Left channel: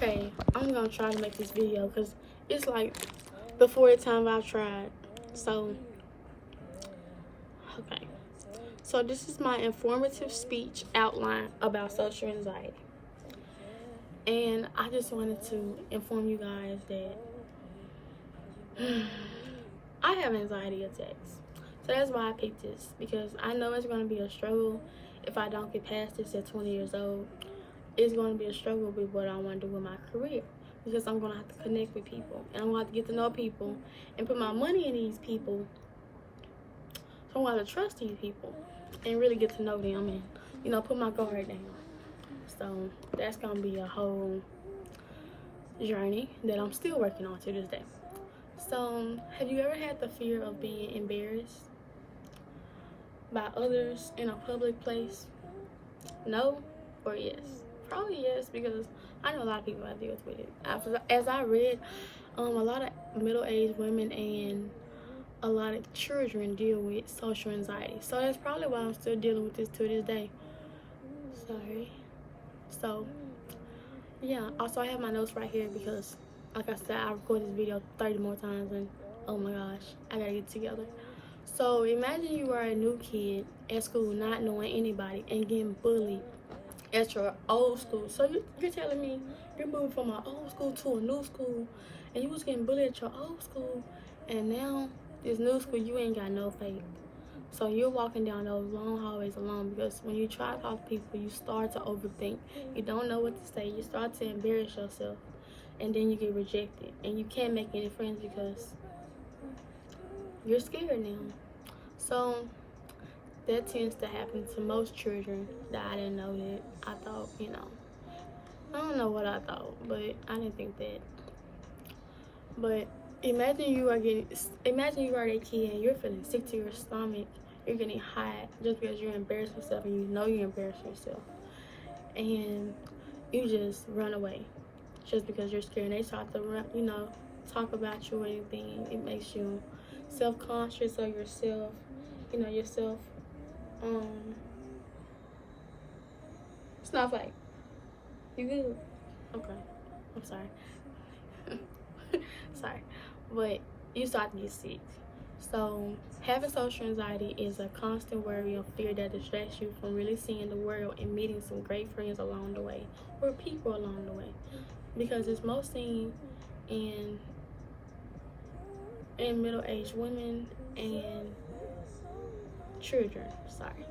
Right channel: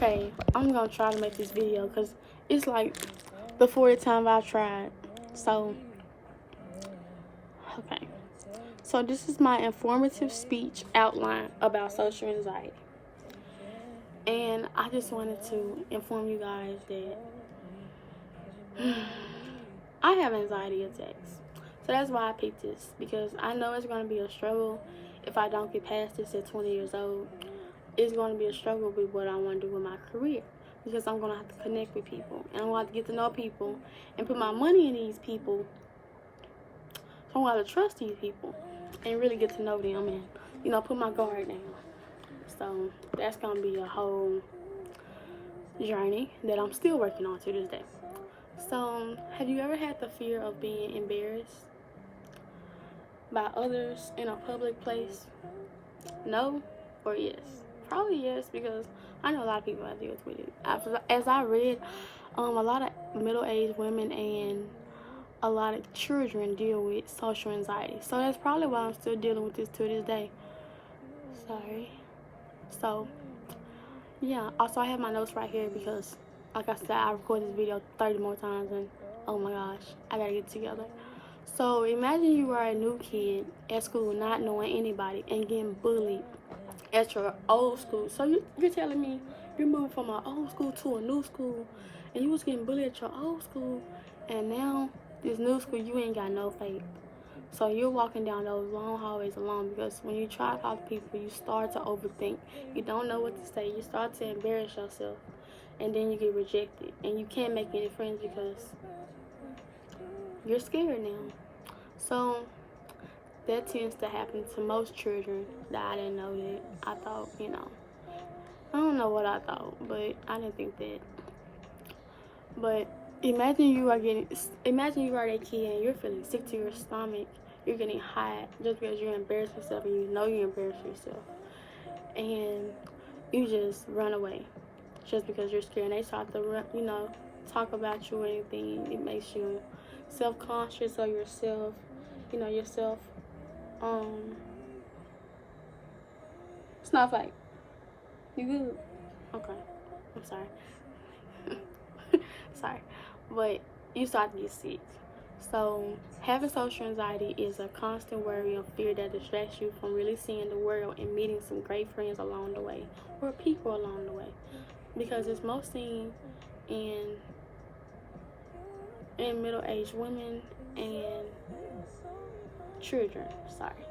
Okay, I'm gonna try to make this video because it's like the fourth time I've tried. So, okay. So this is my informative speech outline about social anxiety. And I just wanted to inform you guys that I have anxiety attacks. So that's why I picked this, because I know it's going to be a struggle if I don't get past this at 20 years old. It's going to be a struggle with what I want to do with my career, because I'm going to have to connect with people, and I'm going to have to get to know people and put my money in these people. So I'm going to have to trust these people and really get to know them and, you know, put my guard down. So that's going to be a whole journey that I'm still working on to this day. So have you ever had the fear of being embarrassed by others in a public place? No or yes? Probably yes, because I know a lot of people have dealt with it. As I read, a lot of middle-aged women and a lot of children deal with social anxiety. So that's probably why I'm still dealing with this to this day. Sorry. So, yeah. Also, I have my notes right here because, like I said, I recorded this video 30 more times and, oh my gosh, I gotta get it together. So, imagine you are a new kid at school not knowing anybody and getting bullied at your old school. So you're telling me you're moving from my old school to a new school, and you was getting bullied at your old school, and now this new school you ain't got no faith. So you're walking down those long hallways alone, because when you try to talk to people, you start to overthink. You don't know what to say. You start to embarrass yourself, and then you get rejected, and you can't make any friends because you're scared now. So that tends to happen to most children that I didn't know that. I thought, you know, I don't know what I thought, but I didn't think that. But imagine you are that kid and you're feeling sick to your stomach. You're getting hot just because you're embarrassing yourself, and you know you're embarrassing yourself. And you just run away just because you're scared. And they start to run, you know, talk about you or anything. It makes you self-conscious of yourself, you know, yourself. It's not like you good. Okay, I'm sorry. Sorry, but you start to get sick. So having social anxiety is a constant worry and fear that distracts you from really seeing the world and meeting some great friends along the way, or people along the way, because it's most seen in middle-aged women and children. Sorry.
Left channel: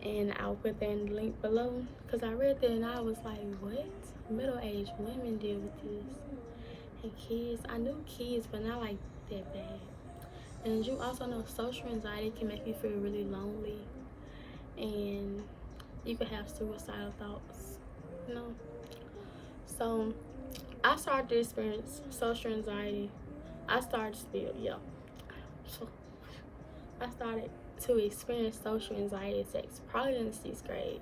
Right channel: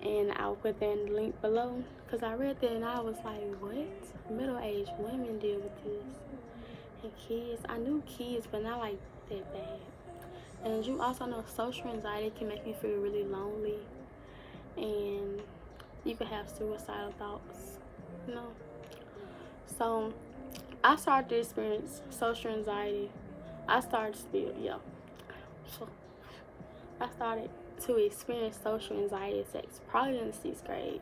And I'll put that in the link below, because I read that and I was like, what? Middle-aged women deal with this. And kids, I knew kids, but not like that bad. And you also know social anxiety can make you feel really lonely, and you could have suicidal thoughts, you know. So I started to experience social anxiety. I started to experience social anxiety attacks probably in the 6th grade.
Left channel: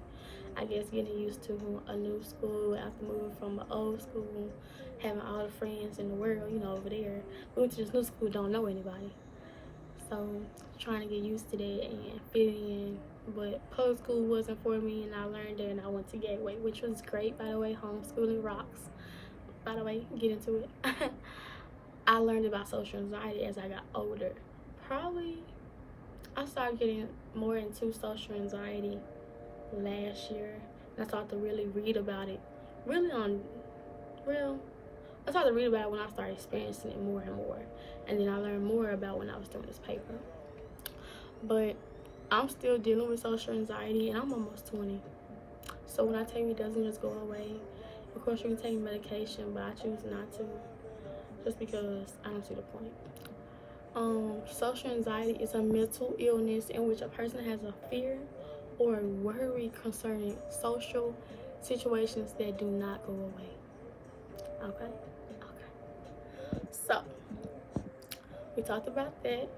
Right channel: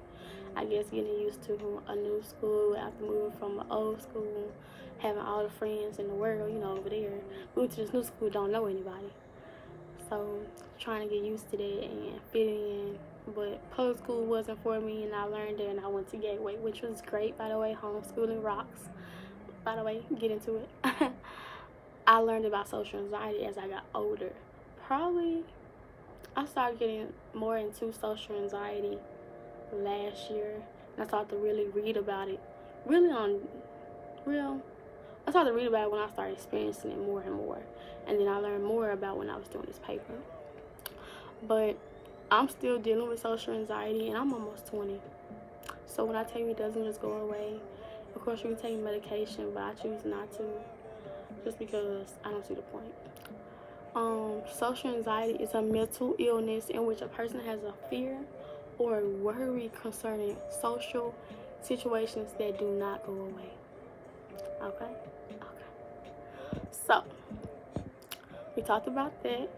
I guess getting used to a new school after moving from an old school, having all the friends in the world, you know, over there. Moving to this new school, don't know anybody. So trying to get used to that and fitting in. But public school wasn't for me, and I learned that, and I went to Gateway, which was great, by the way. Homeschooling rocks. By the way, get into it. I learned about social anxiety as I got older. Probably I started getting more into social anxiety last year, and I started to really read about it. I started to read about it when I started experiencing it more and more, and then I learned more about when I was doing this paper. But I'm still dealing with social anxiety, and I'm almost 20. So when I tell you it doesn't just go away, of course you can take medication, but I choose not to, just because I don't see the point. Social anxiety is a mental illness in which a person has a fear or worry concerning social situations that do not go away. Okay? So, we talked about that.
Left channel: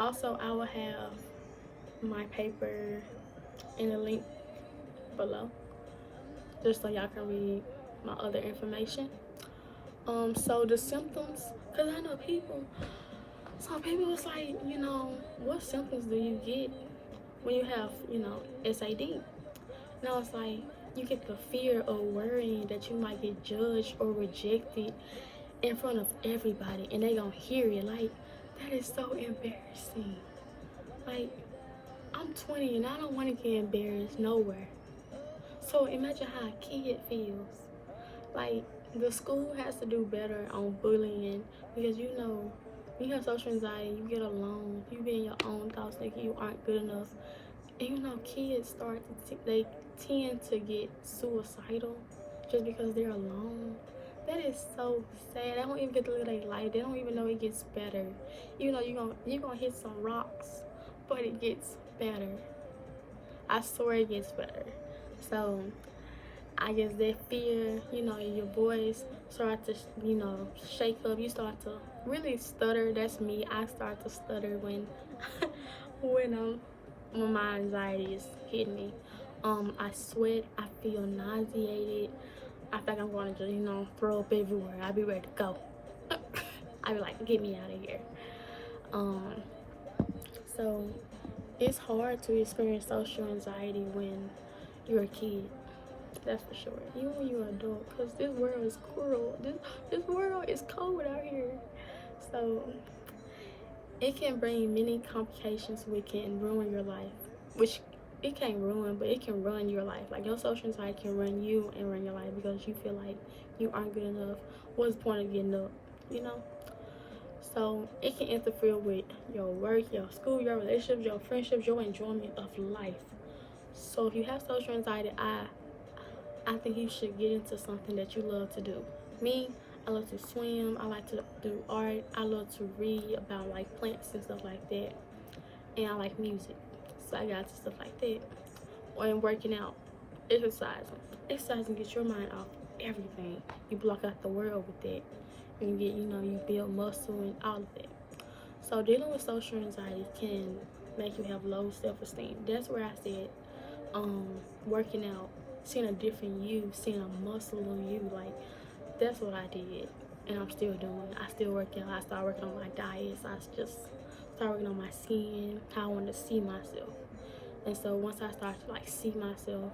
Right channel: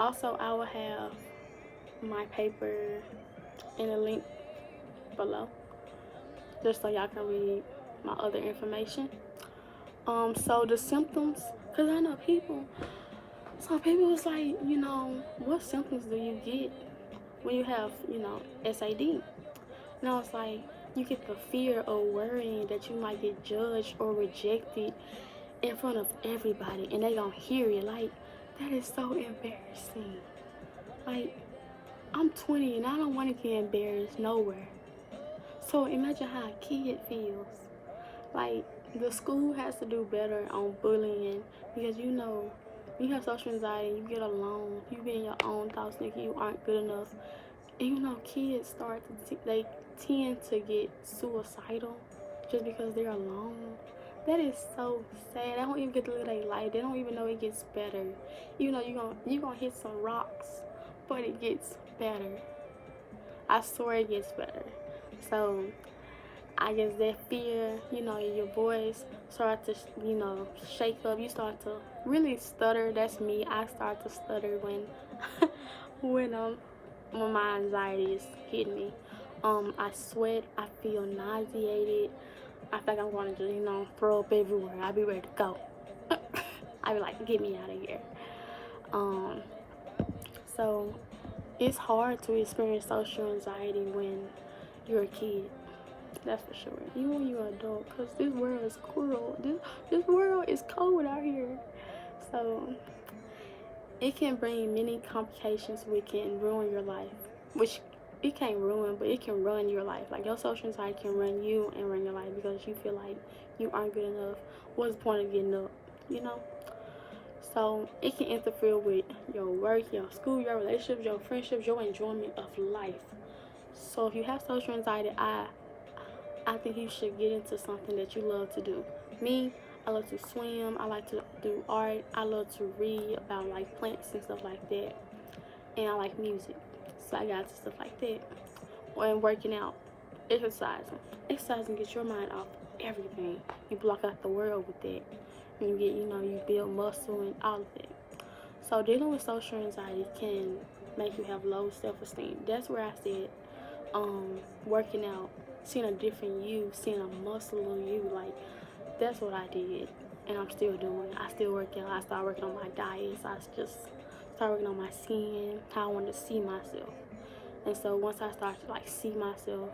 Also, I will have my paper in a link below, just so y'all can read my other information. So the symptoms, because I know some people was like, you know, what symptoms do you get when you have, you know, SAD? And I was like, You get the fear of worrying that you might get judged or rejected in front of everybody, and they gonna hear it. Like, that is so embarrassing. Like, I'm 20 and I don't want to get embarrassed nowhere. So imagine how a kid feels. Like, the school has to do better on bullying, because you know, when you have social anxiety, you get alone, you be in your own thoughts thinking you aren't good enough. And you know, kids they tend to get suicidal just because they're alone. That is so sad. They don't even get to live their life. They don't even know it gets better. You know, you're gonna hit some rocks, but it gets better. I swear it gets better. So I guess that fear, you know, your voice start to, you know, shake up. You start to really stutter. That's me. I start to stutter when when my anxiety is hitting me. I sweat. I feel nauseated. I feel like I'm going to just, you know, throw up everywhere. I'll be ready to go. I be like, get me out of here. So it's hard to experience social anxiety when you're a kid. That's for sure. Even when you're an adult, because this world is cruel. This world is cold out here. So it can bring many complications which can ruin your life. Which it can't ruin, but it can run your life. Like, your social anxiety can run you and run your life because you feel like you aren't good enough. What's the point of getting up? You know? So it can interfere with your work, your school, your relationships, your friendships, your enjoyment of life. So if you have social anxiety, I think you should get into something that you love to do. Me, I love to swim. I like to do art. I love to read about like plants and stuff like that. And I like music. So I got into stuff like that. Or working out, exercising. Exercising gets your mind off everything. You block out the world with that. And you get, you know, you build muscle and all of that. So dealing with social anxiety can make you have low self-esteem. That's where I said, working out, seeing a different you, seeing a muscle of you, like, that's what I did. And I'm still doing. I still work out. I started working on my diets. I just started working on my skin, how I wanted to see myself. And so once I started to, like, see myself,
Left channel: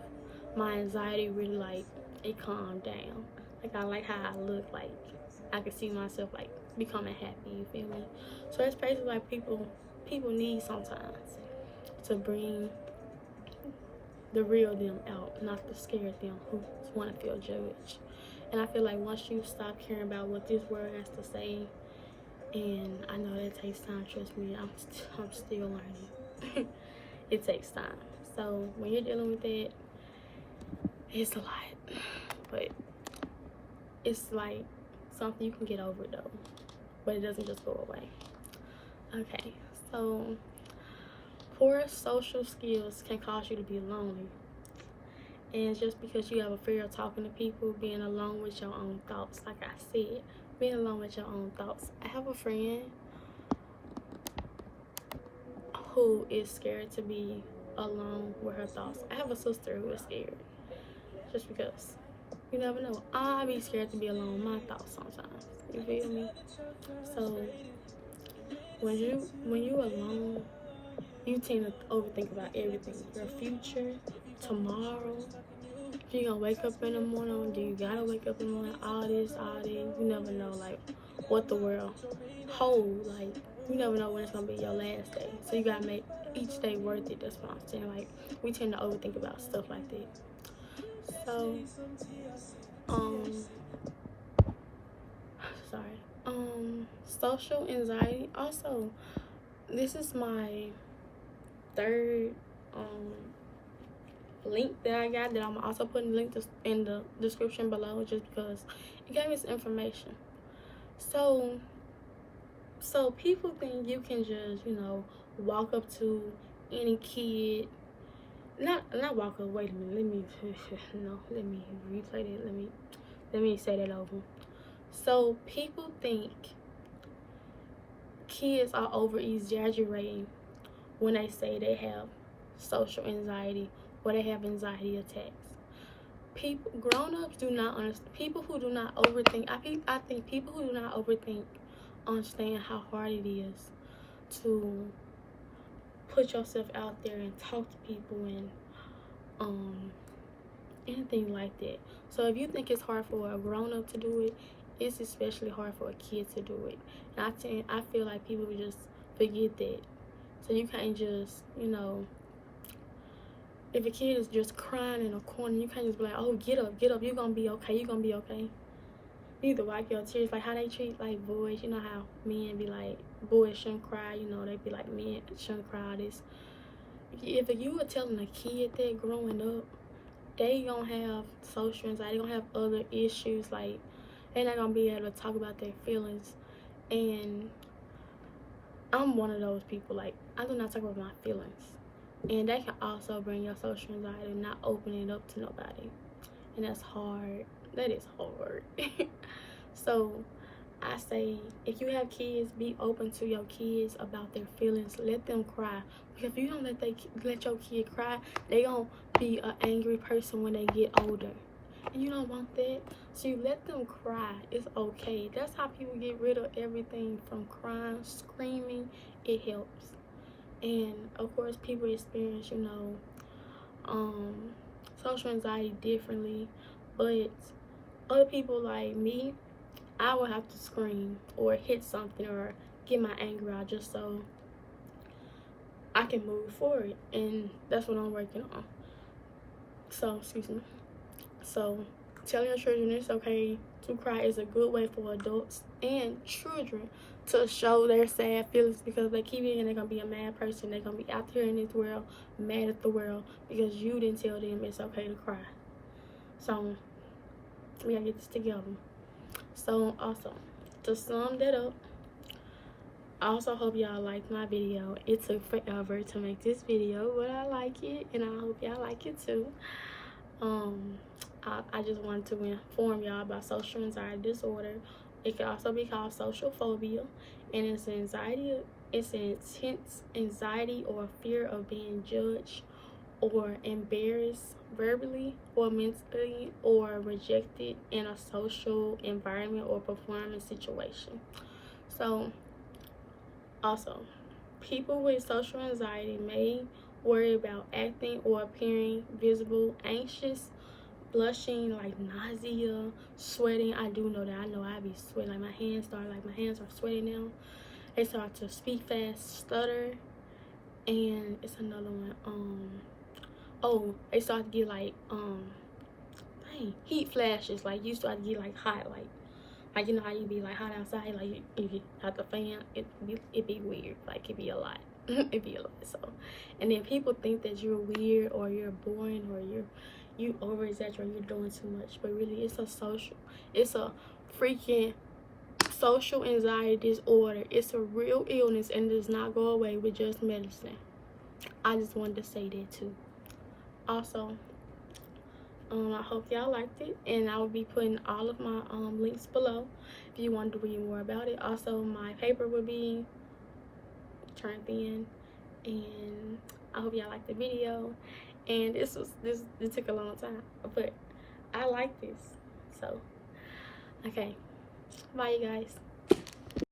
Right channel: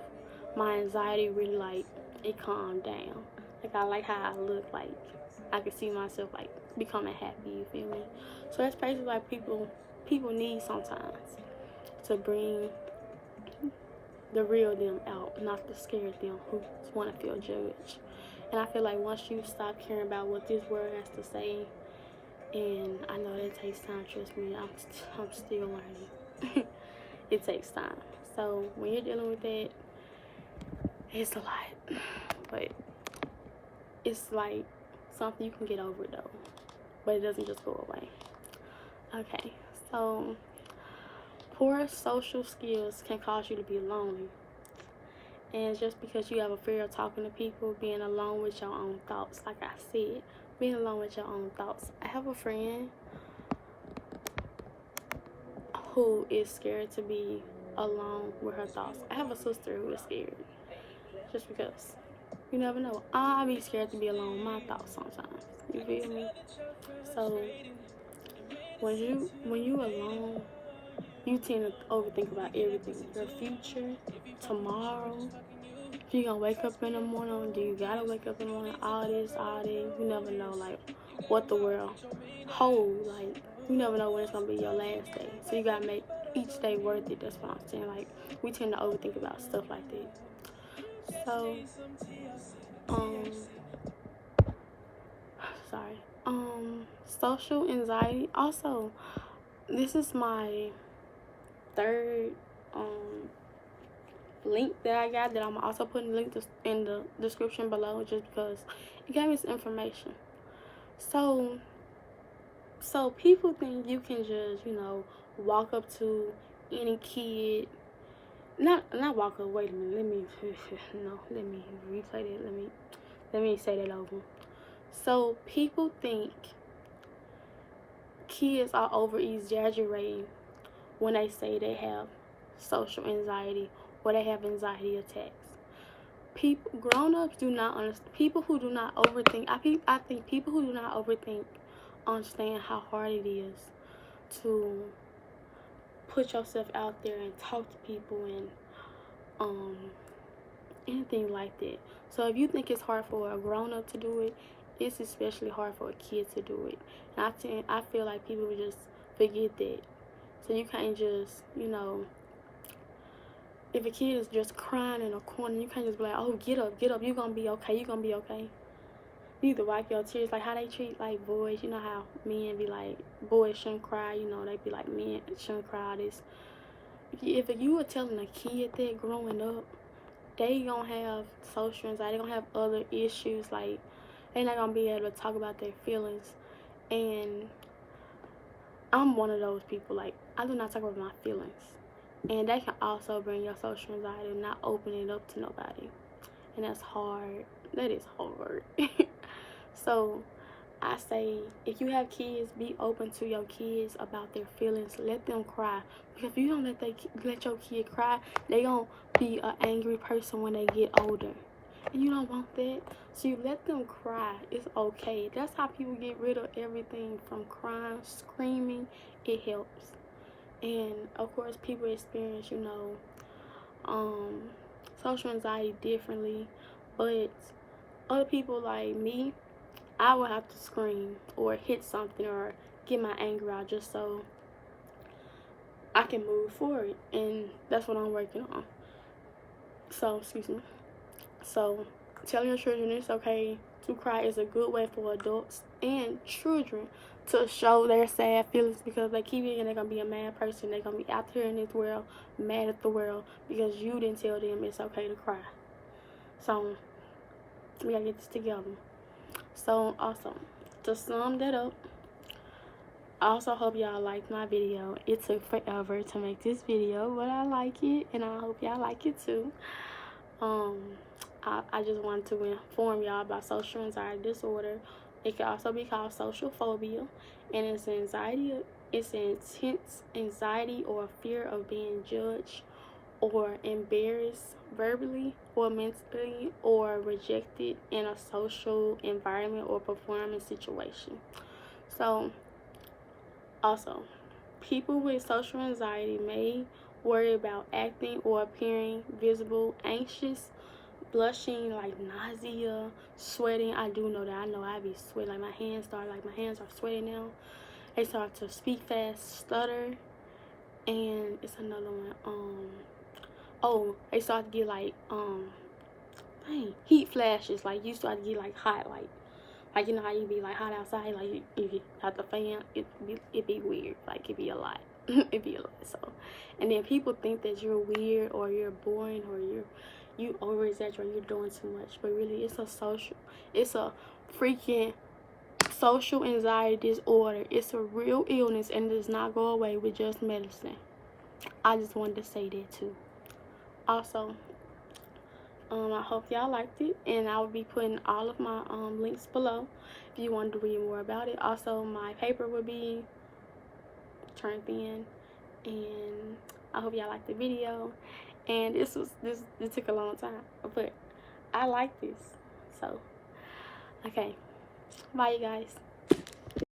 my anxiety really, like, it calmed down. Like, I like how I look. Like, I could see myself, like, becoming happy, you feel me? So that's basically like people need sometimes to bring the real them out, not the scared them who want to feel judged. And I feel like once you stop caring about what this world has to say, and I know that takes time, trust me, I'm still learning. It takes time. So when you're dealing with that, it's a lot. But it's like something you can get over though. But it doesn't just go away. Okay, so poor social skills can cause you to be lonely. And just because you have a fear of talking to people, being alone with your own thoughts, like I said, being alone with your own thoughts. I have a friend who is scared to be alone with her thoughts. I have a sister who is scared. Just because. You never know. I be scared to be alone with my thoughts sometimes. You feel me? So when you alone, you tend to overthink about everything. Your future, tomorrow. If you gonna wake up in the morning, do you gotta wake up in the morning? All this, you never know, like, what the world holds. Like, you never know when it's gonna be your last day. So you gotta make each day worth it. That's what I'm saying. Like, we tend to overthink about stuff like that. So, social anxiety. Also, this is my third link that I got that I'm also putting the link in the description below, just because it gave me some information. So people think you can just, you know, walk up to any kid, not walk up, wait a minute, let me replay that, let me say that over. So people think kids are over exaggerating when they say they have social anxiety or they have anxiety attacks. Grown-ups do not understand. People who do not overthink, I think people who do not overthink understand how hard it is to put yourself out there and talk to people and anything like that. So if you think it's hard for a grown-up to do it, it's especially hard for a kid to do it. And I feel like people would just forget that. So you can't just, you know, if a kid is just crying in a corner, you can't just be like, oh, get up, you're gonna be okay, you're gonna be okay. You need to wipe your tears, like how they treat like boys. You know how men be like, boys shouldn't cry, you know, they be like, men shouldn't cry. This, if you were telling a kid that growing up, they gonna have social anxiety, they gonna have other issues, like they're not gonna be able to talk about their feelings. And I'm one of those people, like, I do not talk about my feelings, and that can also bring your social anxiety, not opening up to nobody, and that's hard. That is hard. So I say, if you have kids, be open to your kids about their feelings. Let them cry, because if you don't let your kid cry, they gonna be an angry person when they get older, and you don't want that. So you let them cry. It's okay. That's how people get rid of everything from crying, screaming. It helps. And of course, people experience, you know, social anxiety differently, but other people like me, I will have to scream or hit something or get my anger out just so I can move forward, and that's what I'm working on. So, excuse me. So, telling your children it's okay to cry is a good way for adults and children to show their sad feelings, because they keep it and they're going to be a mad person. They're going to be out there in this world mad at the world because you didn't tell them it's okay to cry. So, we got to get this together. So, awesome. To sum that up, I also hope y'all liked my video. It took forever to make this video, but I like it, and I hope y'all like it too. I just wanted to inform y'all about social anxiety disorder. It can also be called social phobia, and it's anxiety. It's an intense anxiety or fear of being judged or embarrassed verbally or mentally or rejected in a social environment or performance situation. So, also, people with social anxiety may worry about acting or appearing visible, anxious, blushing, like nausea, sweating. I do know that. I know I be sweating. Like my hands are sweating now. They start to speak fast, stutter, and it's another one. Oh, they start to get like heat flashes. Like you start to get like hot, like you know how you be like hot outside, like if you have the fan, it be weird. Like it be a lot. It be a lot. So, and then people think that you're weird or you're boring or you over exaggerate, you're doing too much, but really it's a freaking social anxiety disorder. It's a real illness, and it does not go away with just medicine. I just wanted to say that too. Also, I hope y'all liked it, and I will be putting all of my links below if you wanted to read more about it. Also, my paper will be turned in, and I hope y'all liked the video. And this took a long time, but I like this. So, okay, bye you guys.